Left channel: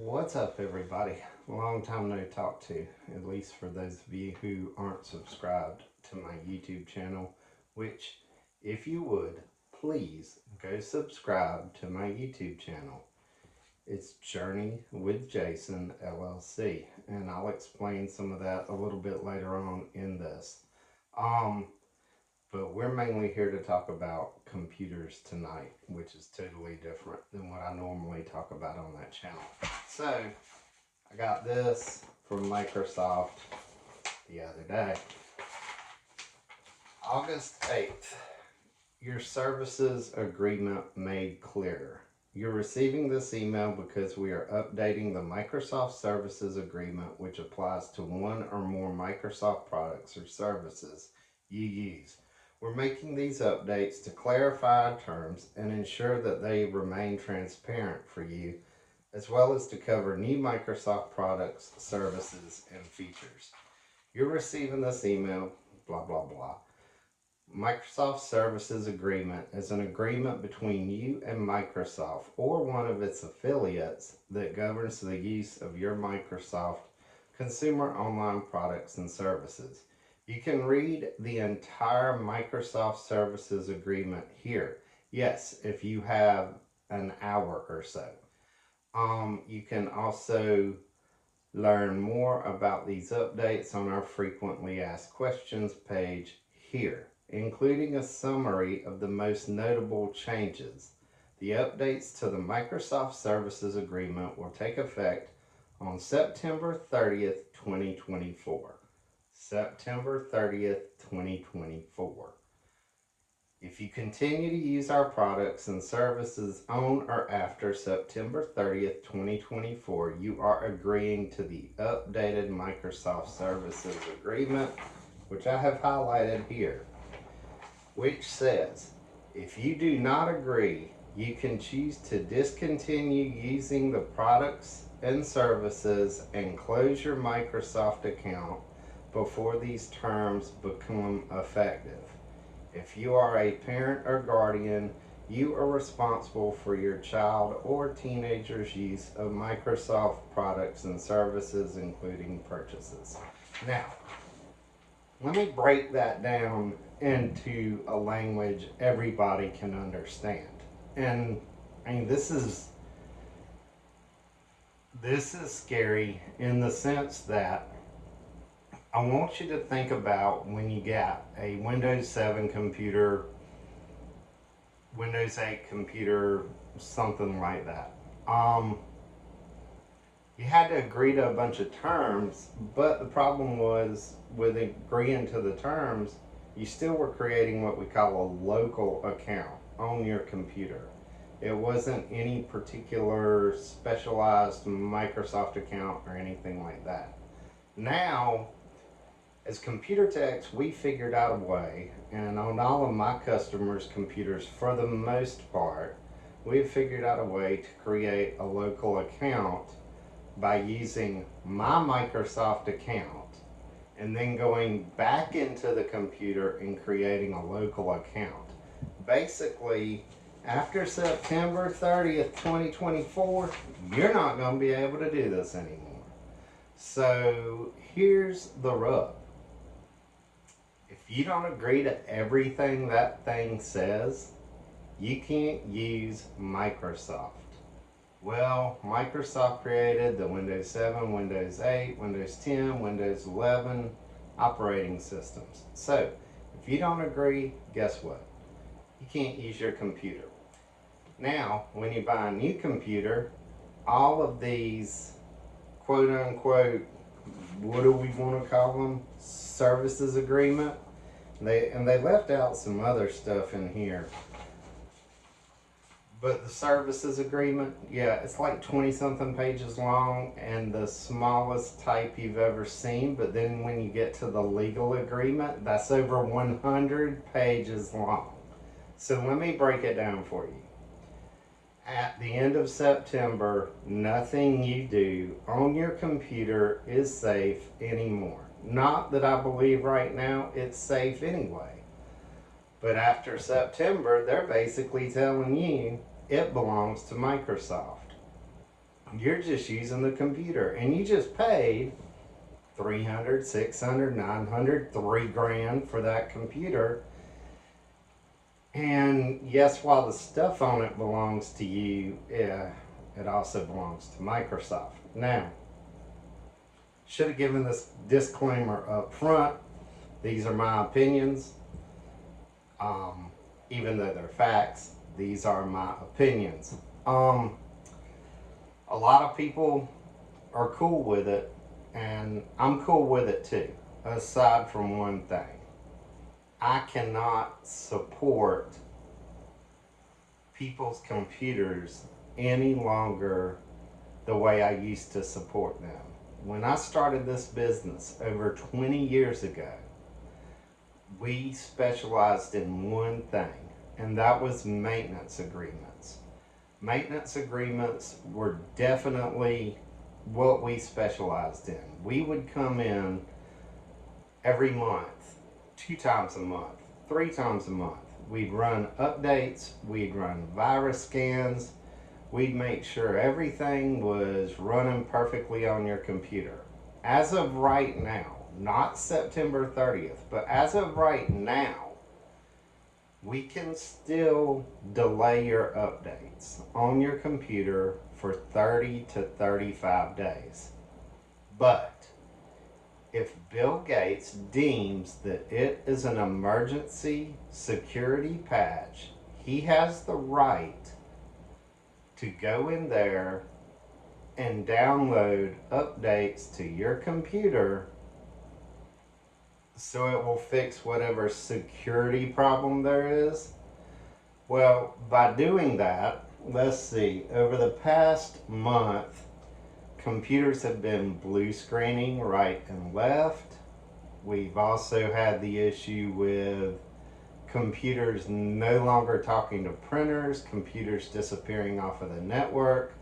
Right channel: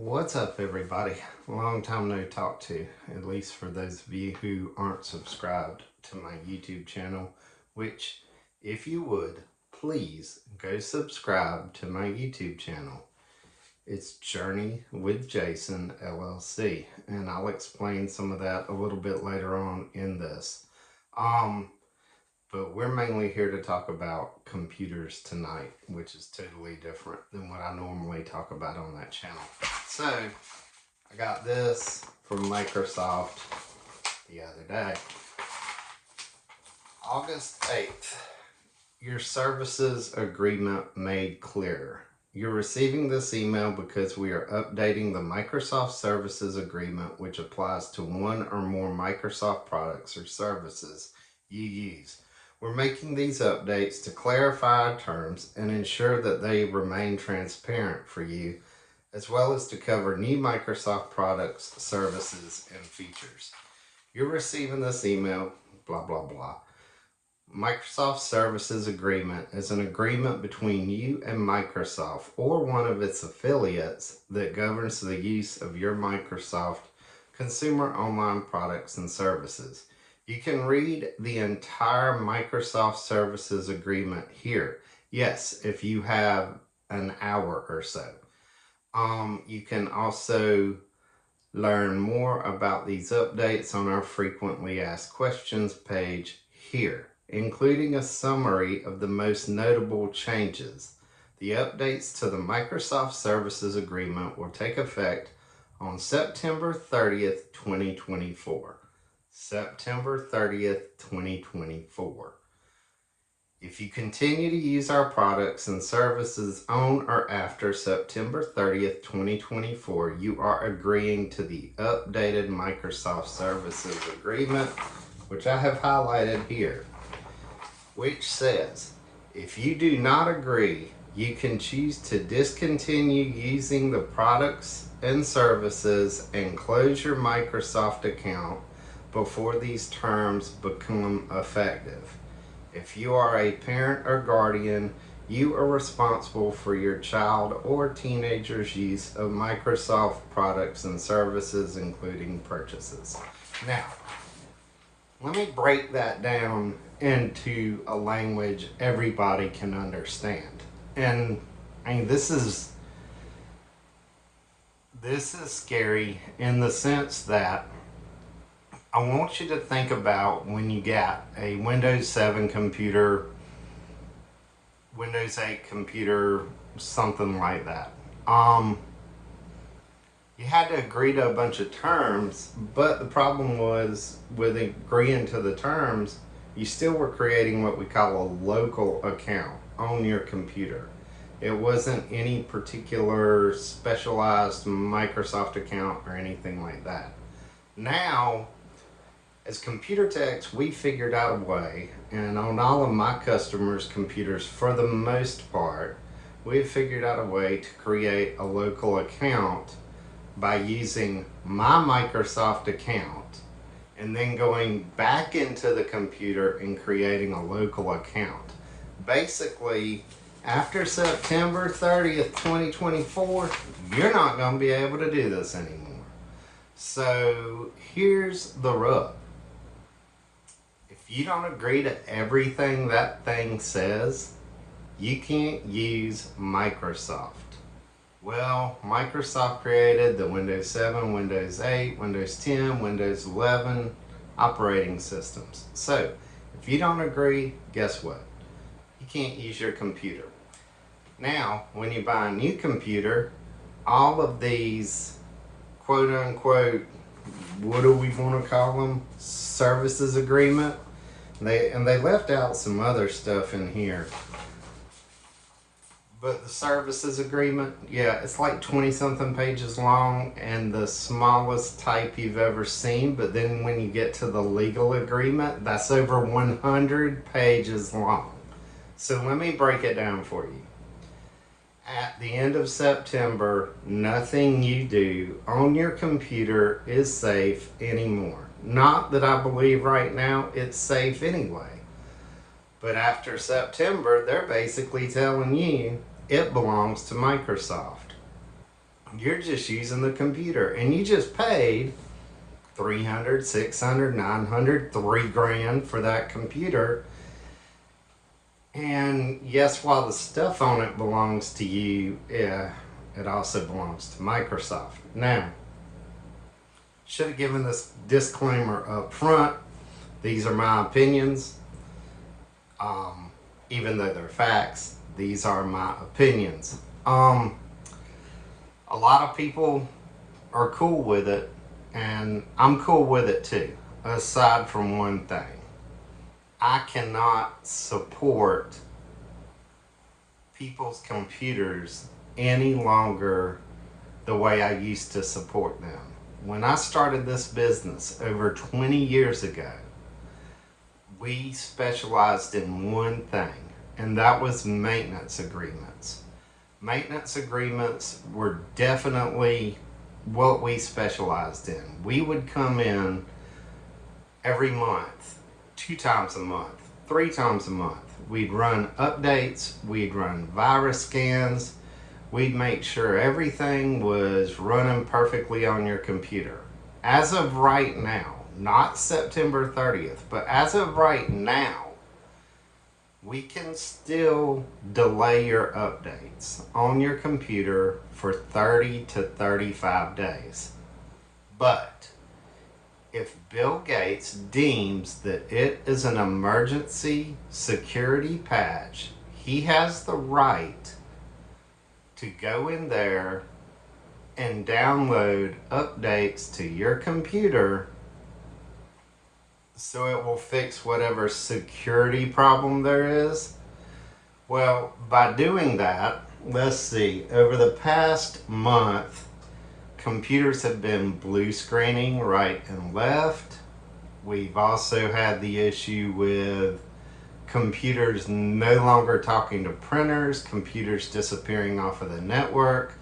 What's up, everybody? Long time no talk to, at least for those of you who aren't subscribed to my YouTube channel, which, if you would, please go subscribe to my YouTube channel. It's Journey with Jason LLC, and I'll explain some of that a little bit later on in this. But we're mainly here to talk about computers tonight, which is totally different than what I normally talk about on that channel. So, I got this from Microsoft the other day. August 8th, your services agreement made clearer. You're receiving this email because we are updating the Microsoft Services Agreement, which applies to one or more Microsoft products or services you use. We're making these updates to clarify terms and ensure that they remain transparent for you, as well as to cover new Microsoft products, services, and features. You're receiving this email, blah, blah, blah. Microsoft Services Agreement is an agreement between you and Microsoft or one of its affiliates that governs the use of your Microsoft consumer online products and services. You can read the entire Microsoft Services Agreement here. Yes, if you have an hour or so. You can also learn more about these updates on our frequently asked questions page here, including a summary of the most notable changes. The updates to the Microsoft Services Agreement will take effect on September 30th, 2024. September 30th, 2024. If you continue to use our products and services on or after September 30th, 2024, you are agreeing to the updated Microsoft Services Agreement, which I have highlighted here, which says, if you do not agree, you can choose to discontinue using the products and services and close your Microsoft account before these terms become effective. If you are a parent or guardian, you are responsible for your child or teenager's use of Microsoft products and services, including purchases. Now, let me break that down into a language everybody can understand. And I mean, this is scary in the sense that I want you to think about when you get a Windows 7 computer, Windows 8 computer, something like that. You had to agree to a bunch of terms, but the problem was with agreeing to the terms, you still were creating what we call a local account on your computer. It wasn't any particular specialized Microsoft account or anything like that. Now, as computer techs, we figured out a way, and on all of my customers' computers, for the most part, we've figured out a way to create a local account by using my Microsoft account and then going back into the computer and creating a local account. Basically, after September 30th, 2024, you're not going to be able to do this anymore. So here's the rub. If you don't agree to everything that thing says, you can't use Microsoft. Well, Microsoft created the Windows 7, Windows 8, Windows 10, Windows 11 operating systems. So, if you don't agree, guess what? You can't use your computer. Now, when you buy a new computer, all of these quote unquote, what do we want to call them? Services agreement. They left out some other stuff in here. But the services agreement, yeah, it's like 20 something pages long and the smallest type you've ever seen. But then when you get to the legal agreement, that's over 100 pages long. So let me break it down for you. At the end of September, nothing you do on your computer is safe anymore. Not that I believe right now it's safe anyway. But after September, they're basically telling you it belongs to Microsoft. You're just using the computer, and you just paid 300, 600, 900, $3,000 for that computer. And yes, while the stuff on it belongs to you, yeah, it also belongs to Microsoft. Now, should have given this disclaimer up front. These are my opinions. Even though they're facts, these are my opinions. A lot of people are cool with it, and I'm cool with it too, aside from one thing. I cannot support people's computers any longer the way I used to support them. When I started this business over 20 years ago, we specialized in one thing, and that was maintenance agreements. Maintenance agreements were definitely what we specialized in. We would come in every month, 2 times a month, 3 times a month. We'd run updates, we'd run virus scans, we'd make sure everything was running perfectly on your computer. As of right now, not September 30th, but as of right now, we can still delay your updates on your computer for 30 to 35 days. But if Bill Gates deems that it is an emergency security patch, he has the right to go in there and download updates to your computer so it will fix whatever security problem there is. Well, by doing that, let's see, over the past month, computers have been blue screening right and left. We've also had the issue with computers no longer talking to printers, computers disappearing off of the network,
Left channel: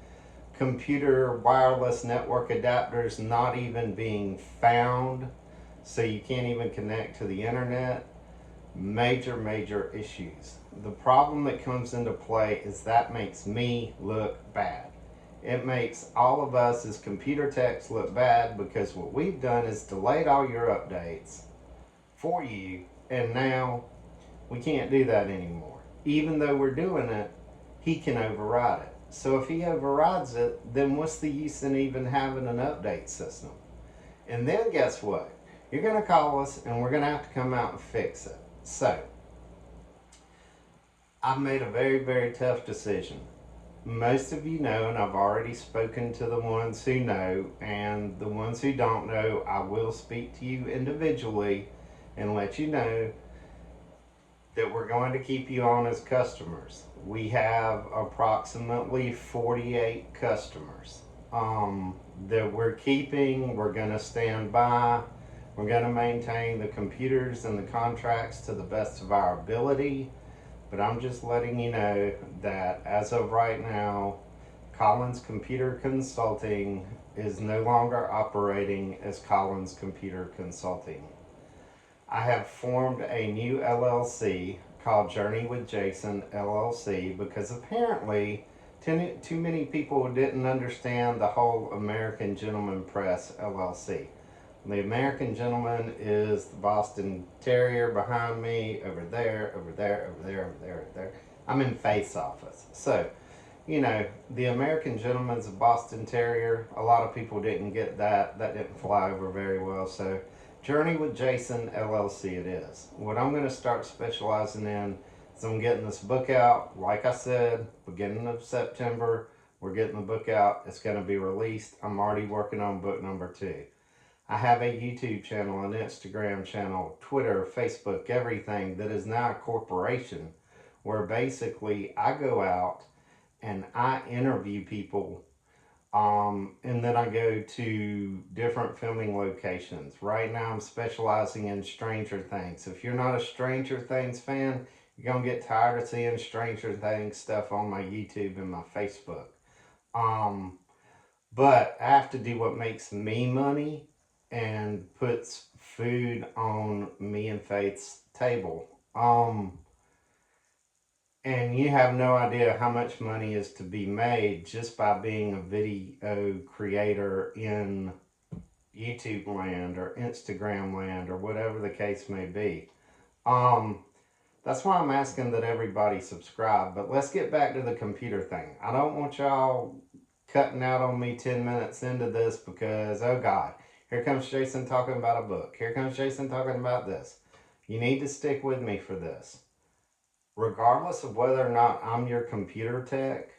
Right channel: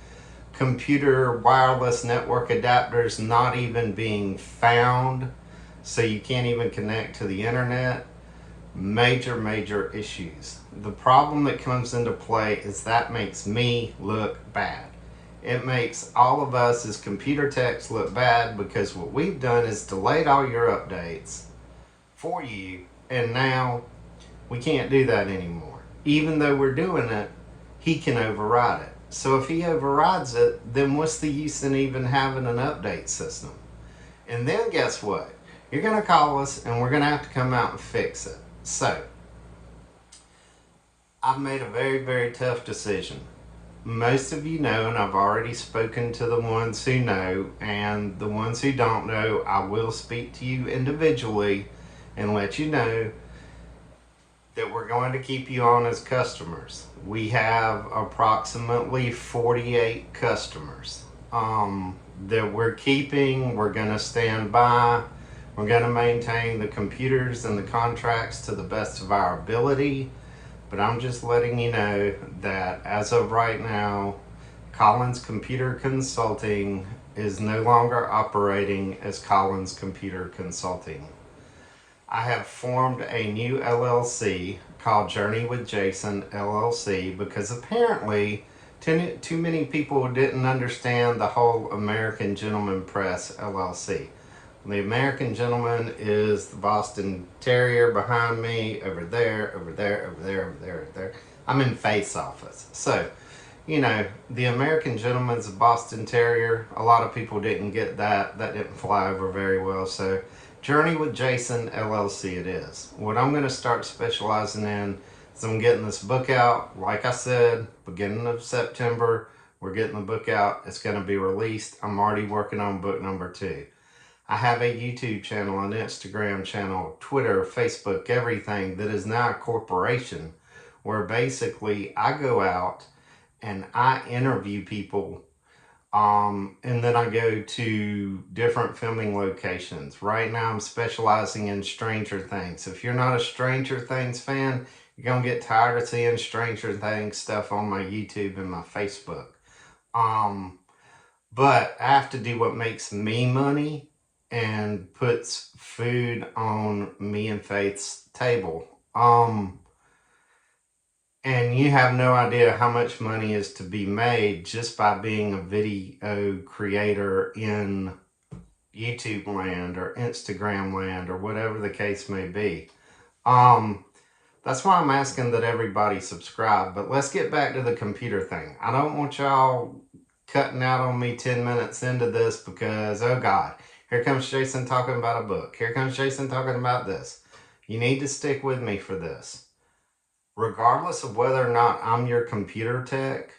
computer wireless network adapters not even being found, so you can't even connect to the internet. Major issues. The problem that comes into play is that makes me look bad. It makes all of us as computer techs look bad, because what we've done is delayed all your updates for you, and now we can't do that anymore. Even though we're doing it, he can override it. So if he overrides it, then what's the use in even having an update system? And then guess what? You're going to call us and we're going to have to come out and fix it. So, I've made a very tough decision. Most of you know, and I've already spoken to the ones who know, and the ones who don't know, I will speak to you individually and let you know that we're going to keep you on as customers. We have approximately 48 customers that we're keeping. We're going to stand by. We're going to maintain the computers and the contracts to the best of our ability. But I'm just letting you know that as of right now, Collins Computer Consulting is no longer operating as Collins Computer Consulting. I have formed a new LLC called Journey with Jason LLC, because apparently too many people didn't understand the whole American Gentleman Press LLC. The American Gentleman is the Boston Terrier behind me, over there. I'm in Faith's office. So, you know, the American Gentleman's a Boston Terrier. A lot of people didn't get that. That didn't fly over very well. So, Journey with Jason LLC it is. What I'm going to start specializing in is I'm getting this book out. Like I said, beginning of September, we're getting the book out. It's going to be released. I'm already working on book number 2. I have a YouTube channel, an Instagram channel, Twitter, Facebook, everything that is now a corporation, where basically I go out and I interview people, and then I go to different filming locations. Right now I'm specializing in Stranger Things. If you're not a Stranger Things fan, you're going to get tired of seeing Stranger Things stuff on my YouTube and my Facebook. But I have to do what makes me money and puts food on me and Faith's table. And you have no idea how much money is to be made just by being a video creator in YouTube land or Instagram land or whatever the case may be. That's why I'm asking that everybody subscribe. But let's get back to the computer thing. I don't want y'all cutting out on me 10 minutes into this because, oh God, here comes Jason talking about a book. Here comes Jason talking about this. You need to stick with me for this. Regardless of whether or not I'm your computer tech,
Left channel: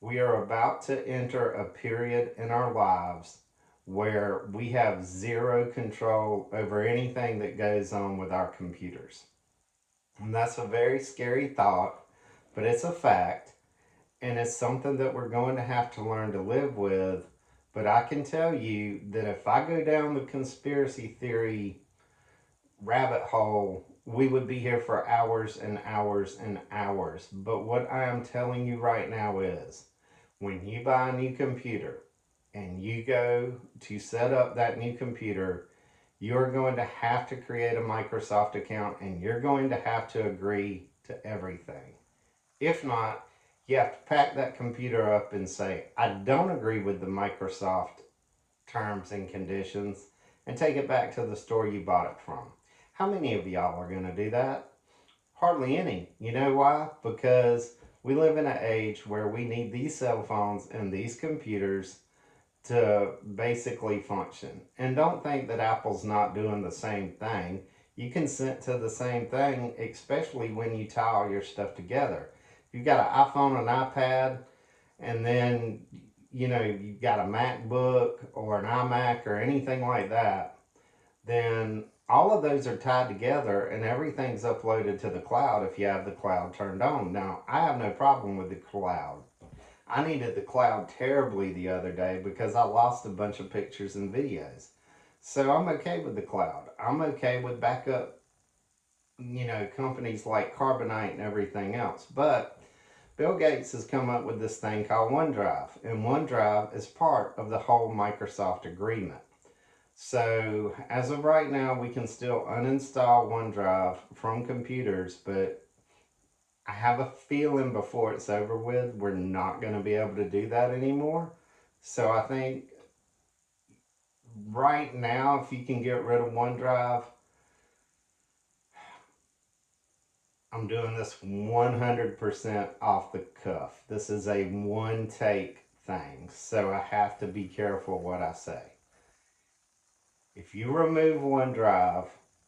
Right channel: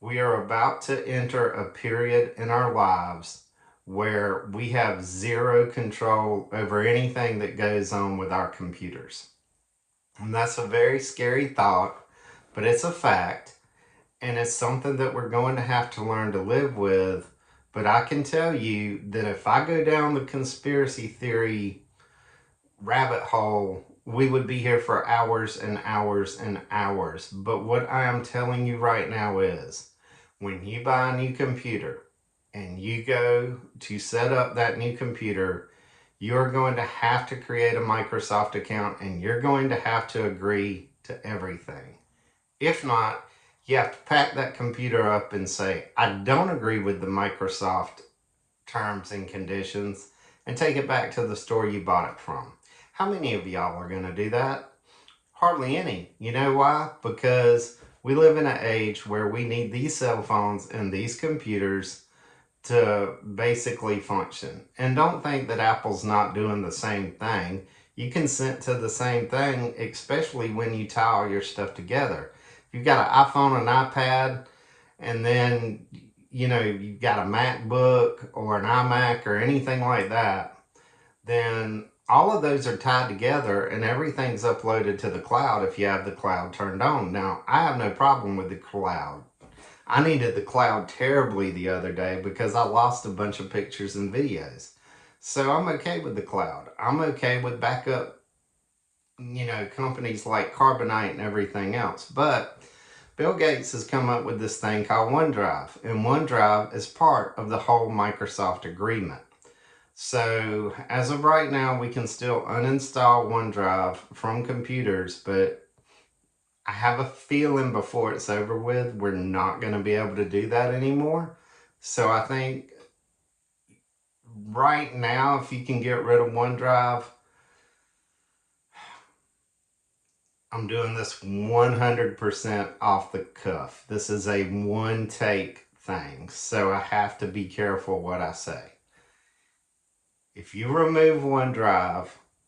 we are about to enter a period in our lives where we have zero control over anything that goes on with our computers. And that's a very scary thought, but it's a fact, and it's something that we're going to have to learn to live with. But I can tell you that if I go down the conspiracy theory rabbit hole, we would be here for hours and hours and hours. But what I am telling you right now is, when you buy a new computer and you go to set up that new computer, you're going to have to create a Microsoft account and you're going to have to agree to everything. If not, you have to pack that computer up and say, I don't agree with the Microsoft terms and conditions, and take it back to the store you bought it from. How many of y'all are going to do that? Hardly any. You know why? Because we live in an age where we need these cell phones and these computers to basically function. And don't think that Apple's not doing the same thing. You consent to the same thing, especially when you tie all your stuff together. If you've got an iPhone, an iPad, and then you've got a MacBook or an iMac or anything like that, then all of those are tied together and everything's uploaded to the cloud if you have the cloud turned on. Now, I have no problem with the cloud. I needed the cloud terribly the other day because I lost a bunch of pictures and videos. So I'm okay with the cloud. I'm okay with backup, companies like Carbonite and everything else. But Bill Gates has come up with this thing called OneDrive. And OneDrive is part of the whole Microsoft agreement. So as of right now, we can still uninstall OneDrive from computers, but I have a feeling before it's over with, we're not going to be able to do that anymore. So I think right now, if you can get rid of OneDrive, I'm doing this 100% off the cuff. This is a one take thing, so I have to be careful what I say. If you remove OneDrive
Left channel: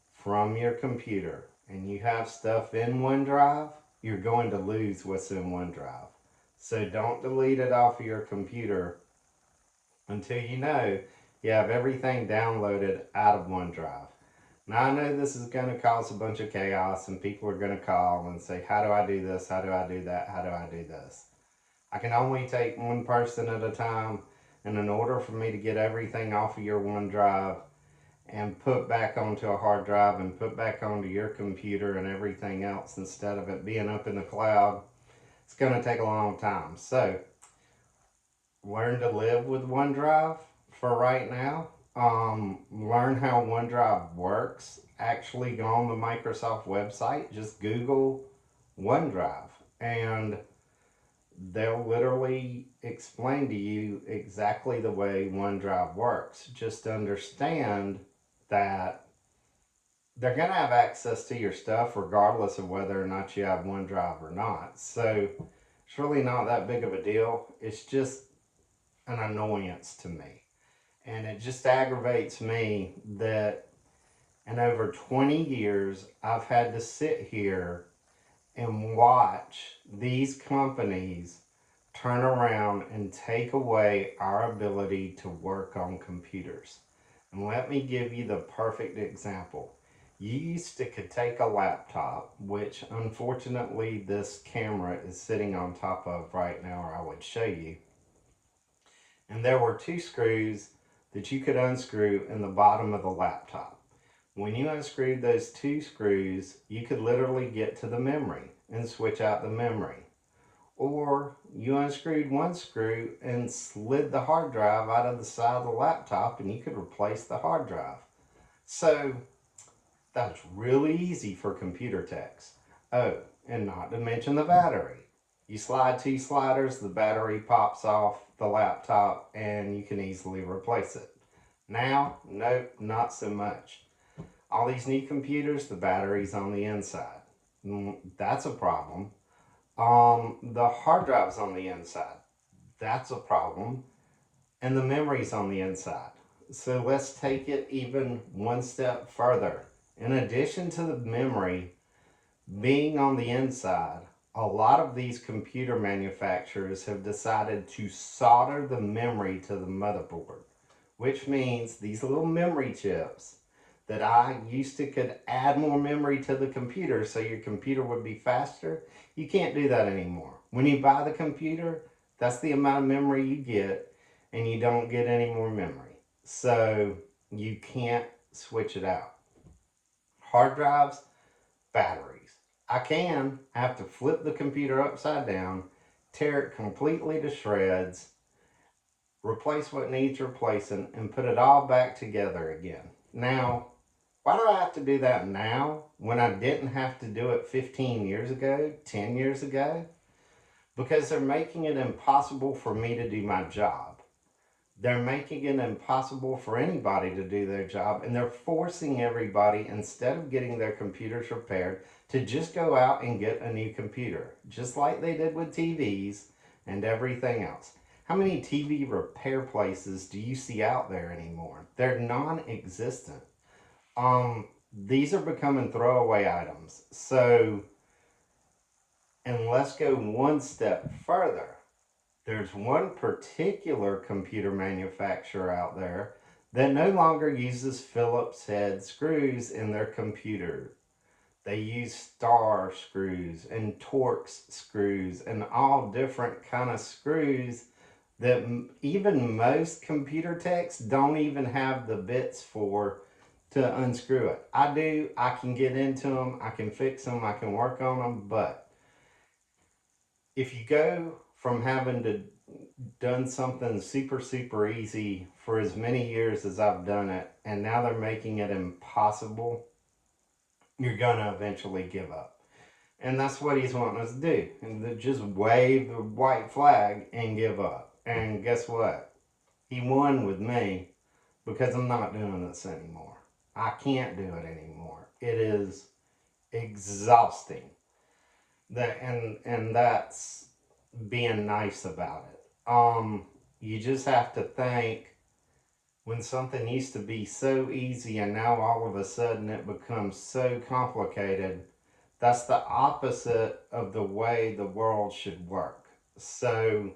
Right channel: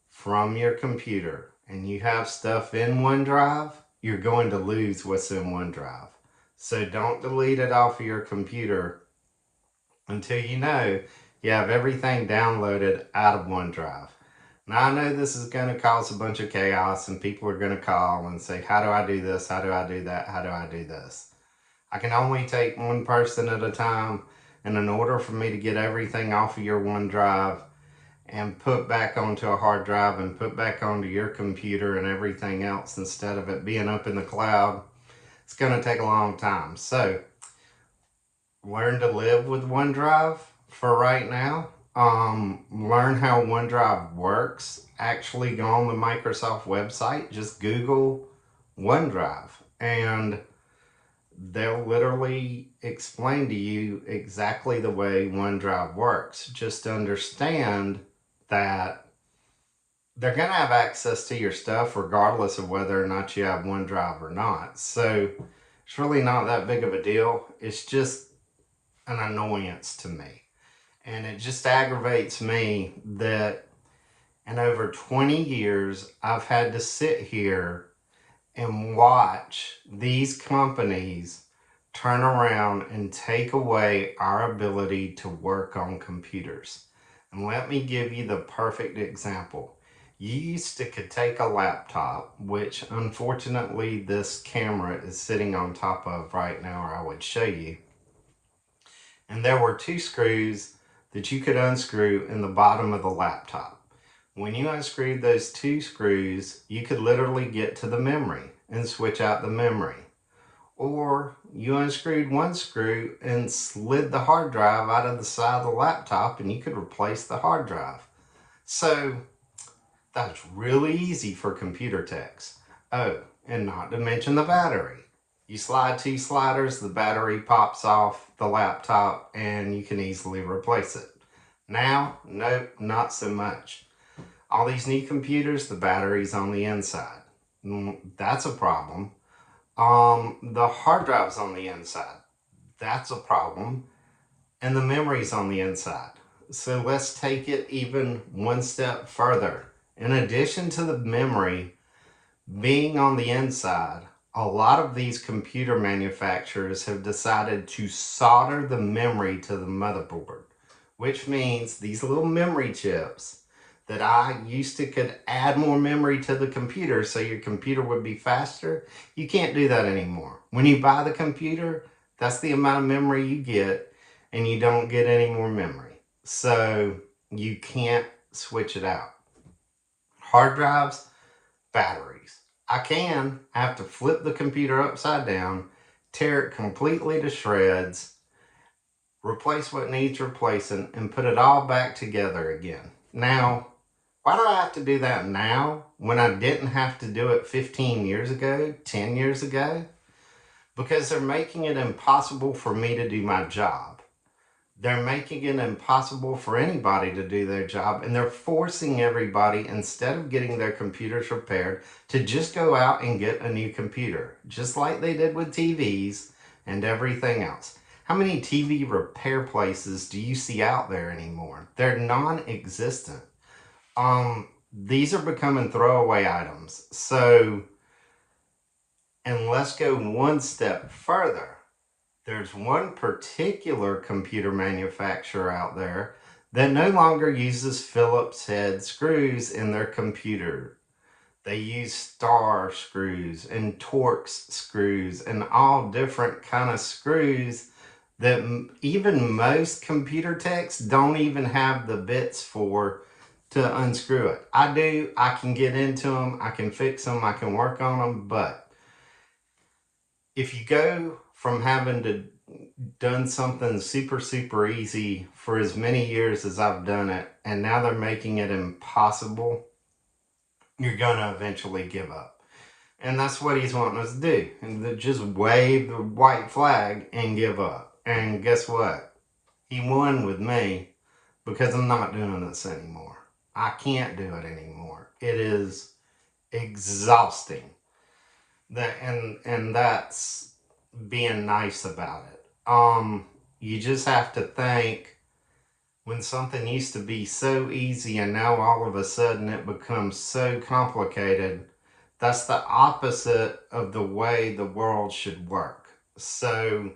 from your computer and you have stuff in OneDrive, you're going to lose what's in OneDrive. So don't delete it off of your computer until you know you have everything downloaded out of OneDrive. Now I know this is going to cause a bunch of chaos and people are going to call and say, how do I do this? How do I do that? How do I do this? I can only take one person at a time, and in order for me to get everything off of your OneDrive and put back onto a hard drive and put back onto your computer and everything else instead of it being up in the cloud, it's going to take a long time. So learn to live with OneDrive for right now. Learn how OneDrive works. Actually go on the Microsoft website, just Google OneDrive, and they'll literally explain to you exactly the way OneDrive works. Just understand that they're going to have access to your stuff regardless of whether or not you have OneDrive or not. So it's really not that big of a deal. It's just an annoyance to me. And it just aggravates me that in over 20 years, I've had to sit here and watch these companies turn around and take away our ability to work on computers. And let me give you the perfect example. You used to could take a laptop, which unfortunately this camera is sitting on top of right now, or I would show you. And there were two screws that you could unscrew in the bottom of the laptop. When you unscrewed those two screws, you could literally get to the memory and switch out the memory. Or you unscrewed one screw and slid the hard drive out of the side of the laptop and you could replace the hard drive. So that's really easy for computer techs. Oh, And not to mention the battery. You slide 2 sliders, the battery pops off the laptop, and you can easily replace it. Now, nope, not so much. All these new computers, the battery's on the inside. That's a problem. The hard drive's on the inside. That's a problem. And the memory's on the inside. So let's take it even one step further. In addition to the memory being on the inside, a lot of these computer manufacturers have decided to solder the memory to the motherboard, which means these little memory chips that I used to could add more memory to the computer so your computer would be faster, you can't do that anymore. When you buy the computer, that's the amount of memory you get, and you don't get any more memory. So you can't switch it out. Hard drives, batteries. I have to flip the computer upside down, tear it completely to shreds, replace what needs replacing, and put it all back together again. Now, why do I have to do that now when I didn't have to do it 15 years ago, 10 years ago? Because they're making it impossible for me to do my job. They're making it impossible for anybody to do their job, and they're forcing everybody, instead of getting their computers repaired, to just go out and get a new computer, just like they did with TVs and everything else. How many TV repair places do you see out there anymore? They're non-existent. These are becoming throwaway items. So, and let's go one step further. There's one particular computer manufacturer out there that no longer uses Phillips head screws in their computer. They use star screws and Torx screws and all different kind of screws that even most computer techs don't even have the bits for to unscrew it. I do. I can get into them. I can fix them. I can work on them. But if you go from having to done something super easy for as many years as I've done it, and now they're making it impossible, you're gonna eventually give up. And that's what he's wanting us to do. And just wave the white flag and give up. And guess what? He won with me because I'm not doing this anymore. I can't do it anymore. It is exhausting. And that's being nice about it. You just have to think, when something used to be so easy and now all of a sudden it becomes so complicated, that's the opposite of the way the world should work. So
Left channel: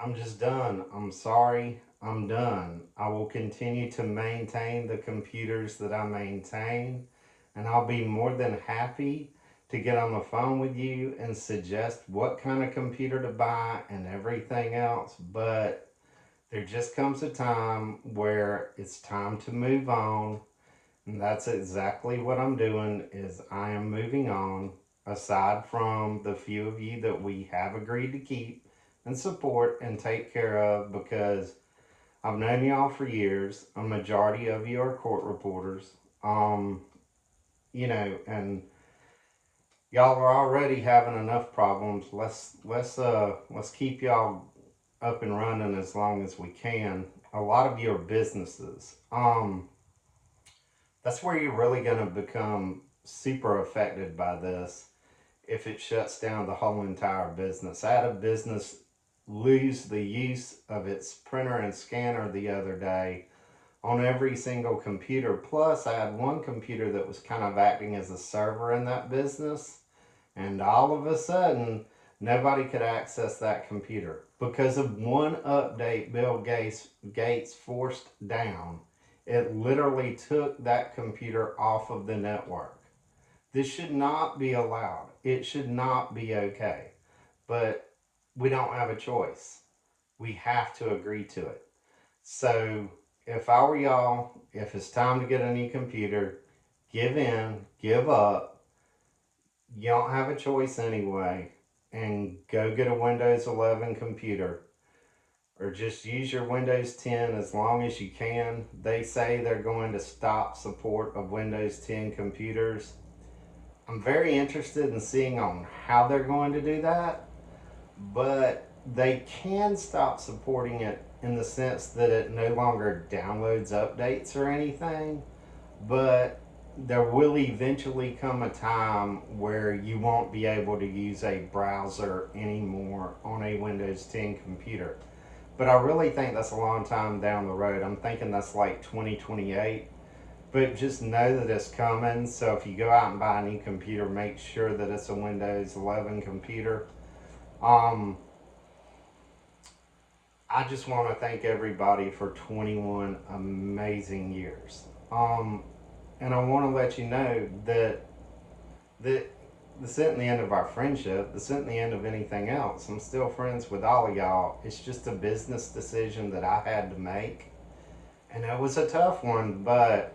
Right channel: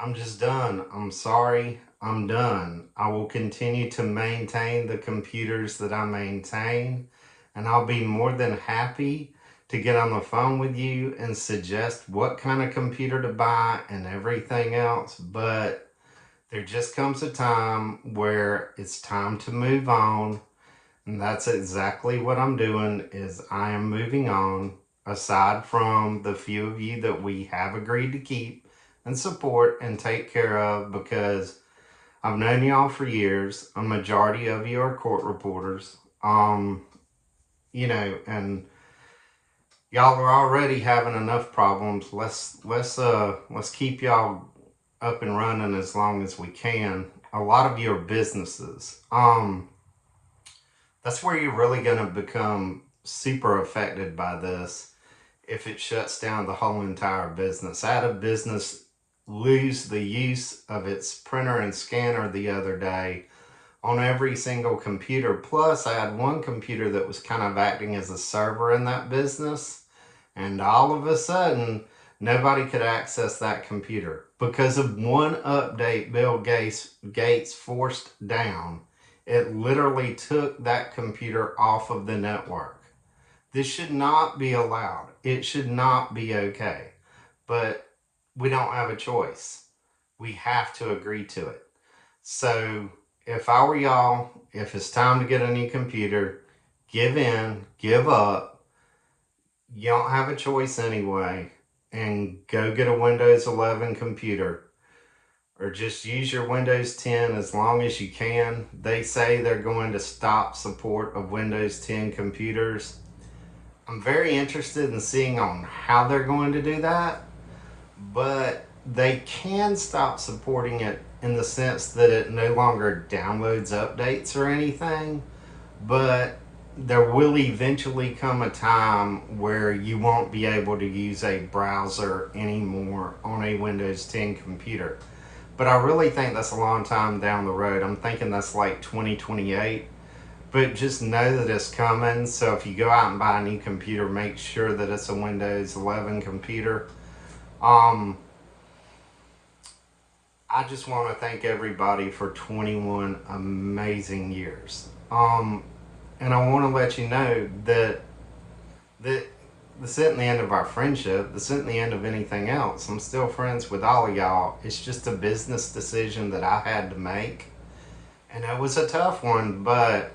I'm just done. I'm sorry. I'm done. I will continue to maintain the computers that I maintain, and I'll be more than happy to get on the phone with you and suggest what kind of computer to buy and everything else. But there just comes a time where it's time to move on, and that's exactly what I'm doing. Is I am moving on, aside from the few of you that we have agreed to keep and support and take care of, because I've known y'all for years. A majority of you are court reporters. And y'all are already having enough problems. Let's keep y'all up and running as long as we can. A lot of you are businesses. That's where you're really going to become super affected by this if it shuts down the whole entire business. I had a business lose the use of its printer and scanner the other day on every single computer. Plus, I had one computer that was kind of acting as a server in that business. And all of a sudden, nobody could access that computer because of one update Bill Gates forced down. It literally took that computer off of the network. This should not be allowed. It should not be okay. But we don't have a choice. We have to agree to it. So if I were y'all, if it's time to get a new computer, give in, give up. You don't have a choice anyway, and go get a Windows 11 computer, or just use your Windows 10 as long as you can. They say they're going to stop support of Windows 10 computers. I'm very interested in seeing on how they're going to do that, but they can stop supporting it in the sense that it no longer downloads updates or anything, but there will eventually come a time where you won't be able to use a browser anymore on a Windows 10 computer. But I really think that's a long time down the road. I'm thinking that's like 2028. But just know that it's coming. So if you go out and buy a new computer, make sure that it's a Windows 11 computer. I just want to thank everybody for 21 amazing years. And I want to let you know that this isn't the end of our friendship. This isn't the end of anything else. I'm still friends with all of y'all. It's just a business decision that I had to make. And it was a tough one, but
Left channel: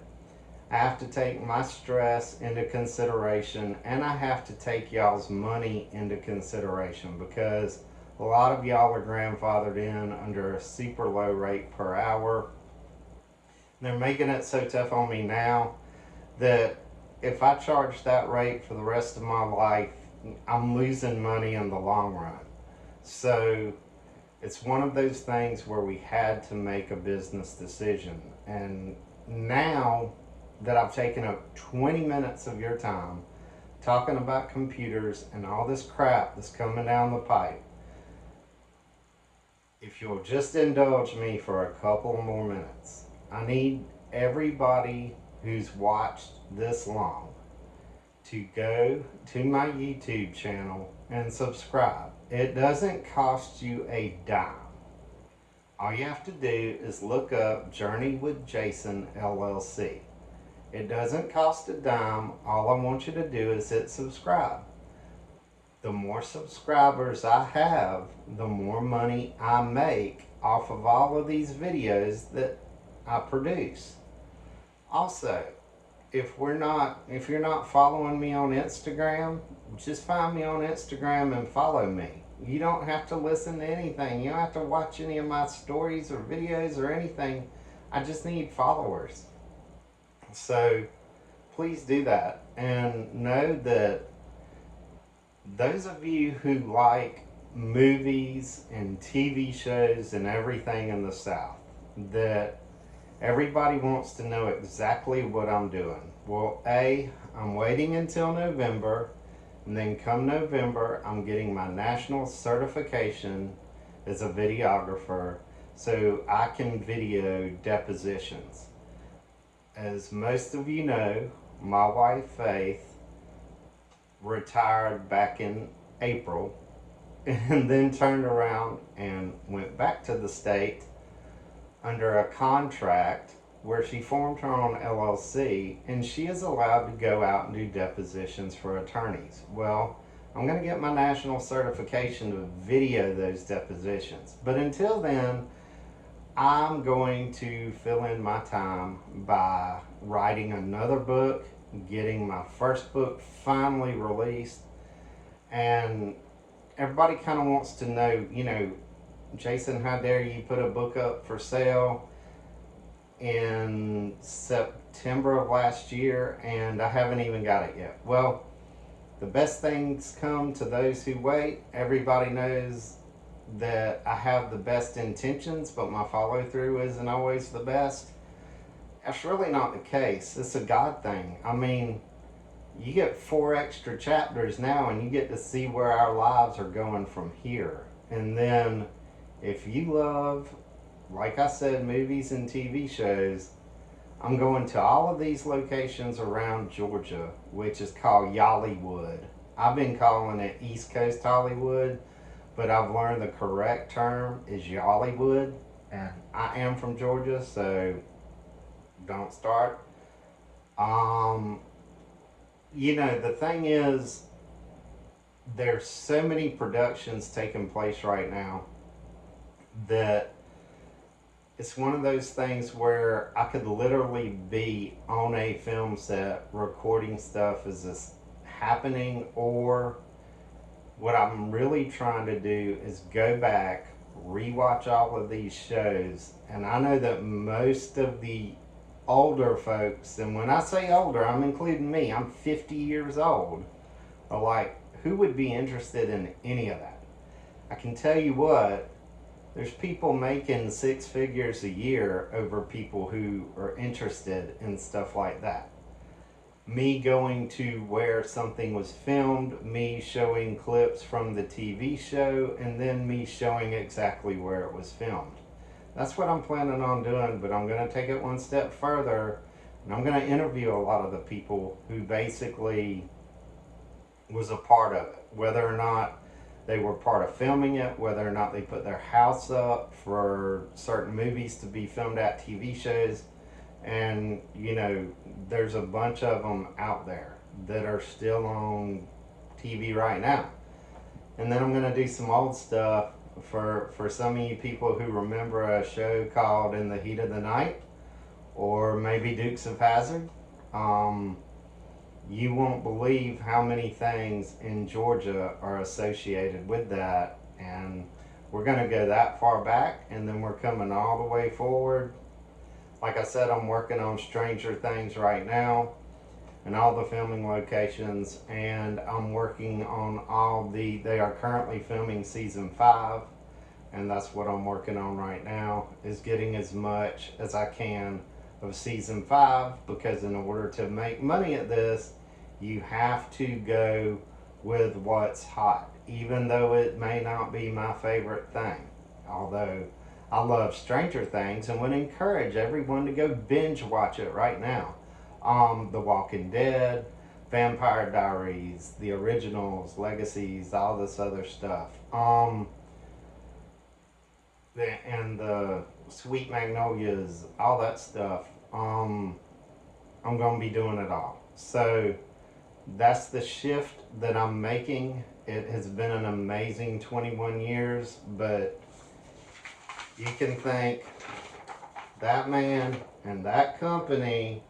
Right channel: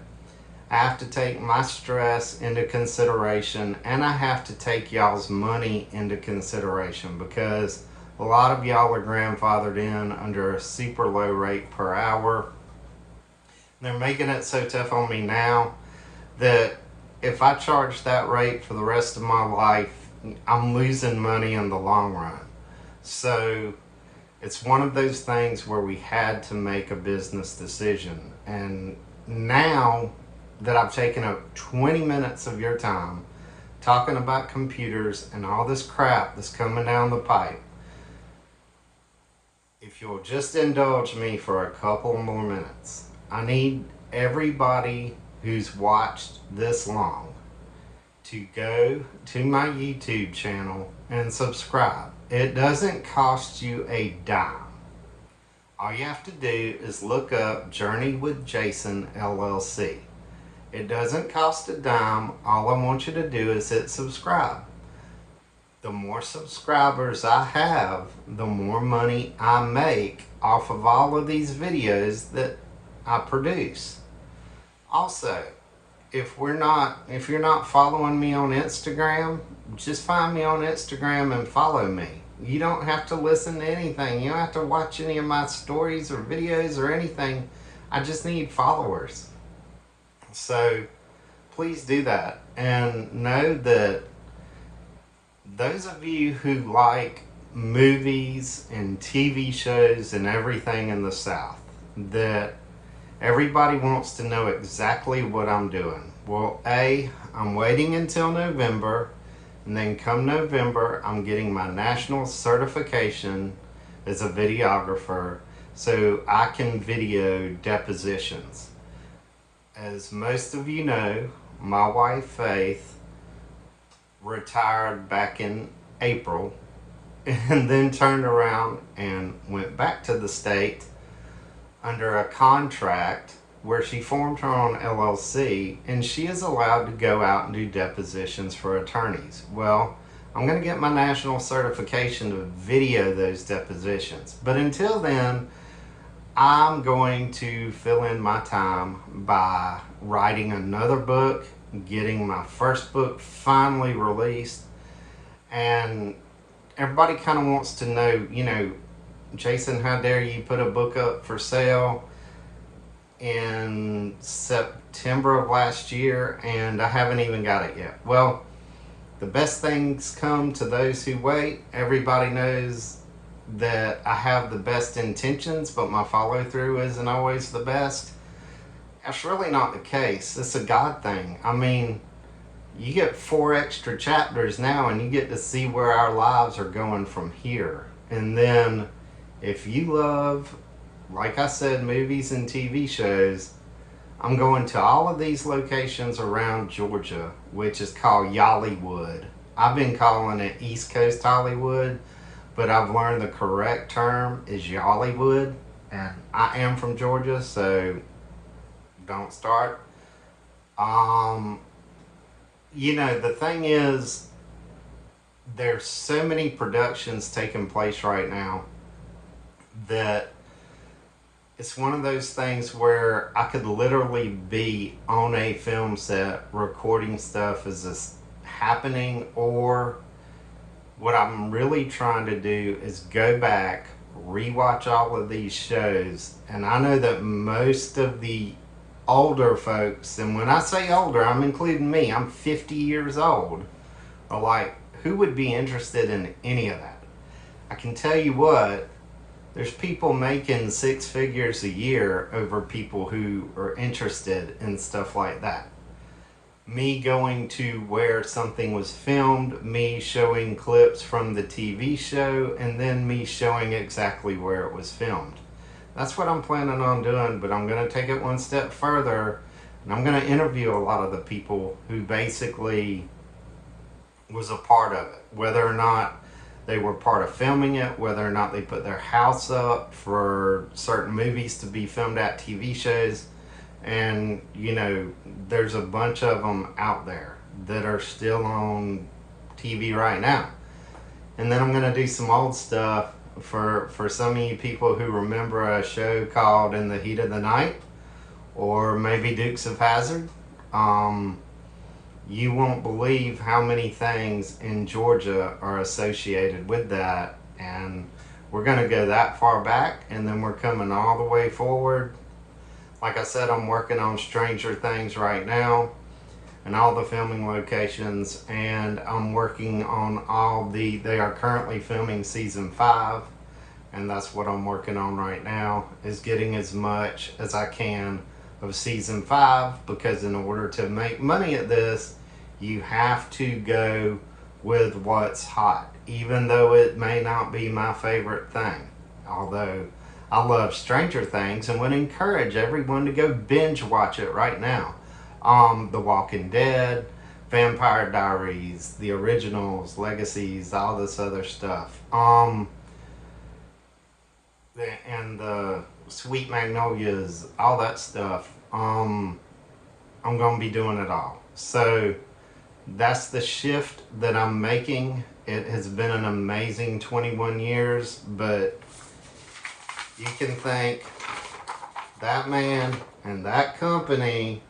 I have to take my stress into consideration, and I have to take y'all's money into consideration, because a lot of y'all are grandfathered in under a super low rate per hour. They're making it so tough on me now that if I charge that rate for the rest of my life, I'm losing money in the long run. So it's one of those things where we had to make a business decision. And now that I've taken up 20 minutes of your time talking about computers and all this crap that's coming down the pipe, if you'll just indulge me for a couple more minutes, I need everybody who's watched this long to go to my YouTube channel and subscribe. It doesn't cost you a dime. All you have to do is look up Journey with Jason LLC. It doesn't cost a dime. All I want you to do is hit subscribe. The more subscribers I have, the more money I make off of all of these videos that I produce. Also, if you're not following me on Instagram, just find me on Instagram and follow me. You don't have to listen to anything. You don't have to watch any of my stories or videos or anything. I just need followers. So please do that, and know that those of you who like movies and TV shows and everything in the South, that everybody wants to know exactly what I'm doing. Well, I'm waiting until November, and then come November, I'm getting my national certification as a videographer so I can video depositions. As most of you know, my wife Faith retired back in April and then turned around and went back to the state under a contract where she formed her own LLC, and she is allowed to go out and do depositions for attorneys. Well, I'm going to get my national certification to video those depositions. But until then, I'm going to fill in my time by writing another book, getting my first book finally released, and everybody kind of wants to know, Jason, how dare you put a book up for sale in September of last year and I haven't even got it yet. Well, the best things come to those who wait. Everybody knows that I have the best intentions, but my follow through isn't always the best. That's really not the case. It's a God thing. I mean, you get 4 extra chapters now and you get to see where our lives are going from here. And then if you love, like I said, movies and TV shows, I'm going to all of these locations around Georgia, which is called Yollywood. I've been calling it East Coast Hollywood, but I've learned the correct term is Yollywood, and I am from Georgia, so don't start. The thing is, there's so many productions taking place right now that it's one of those things where I could literally be on a film set recording stuff as it's happening, or what I'm really trying to do is go back, rewatch all of these shows, and I know that most of the older folks, and when I say older, I'm including me, I'm 50 years old, are like, who would be interested in any of that? I can tell you what, there's people making six figures a year over people who are interested in stuff like that. Me going to where something was filmed, me showing clips from the TV show, and then me showing exactly where it was filmed. That's what I'm planning on doing, but I'm going to take it one step further, and I'm going to interview a lot of the people who basically was a part of it, whether or not they were part of filming it, whether or not they put their house up for certain movies to be filmed at, TV shows. And you know, there's a bunch of them out there that are still on TV right now. And then I'm going to do some old stuff for some of you people who remember a show called In the Heat of the Night, or maybe Dukes of Hazzard. You won't believe how many things in Georgia are associated with that, and we're going to go that far back, and then we're coming all the way forward. Like I said, I'm working on Stranger Things right now and all the filming locations, and I'm working on they are currently filming season 5, and that's what I'm working on right now, is getting as much as I can of season 5, because in order to make money at this, you have to go with what's hot, even though it may not be my favorite thing. Although I love Stranger Things and would encourage everyone to go binge watch it right now. The Walking Dead, Vampire Diaries, the originals, Legacies, all this other stuff. And the Sweet Magnolias, all that stuff. I'm going to be doing it all. So that's the shift that I'm making. It has been an amazing 21 years, but you can thank that man and that company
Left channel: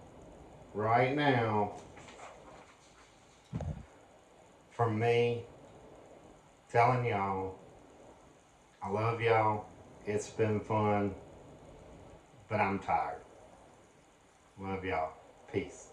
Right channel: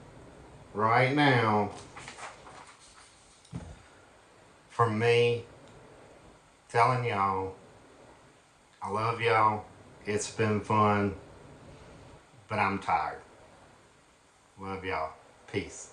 right now for me telling y'all I love y'all. It's been fun, but I'm tired. Love y'all. Peace.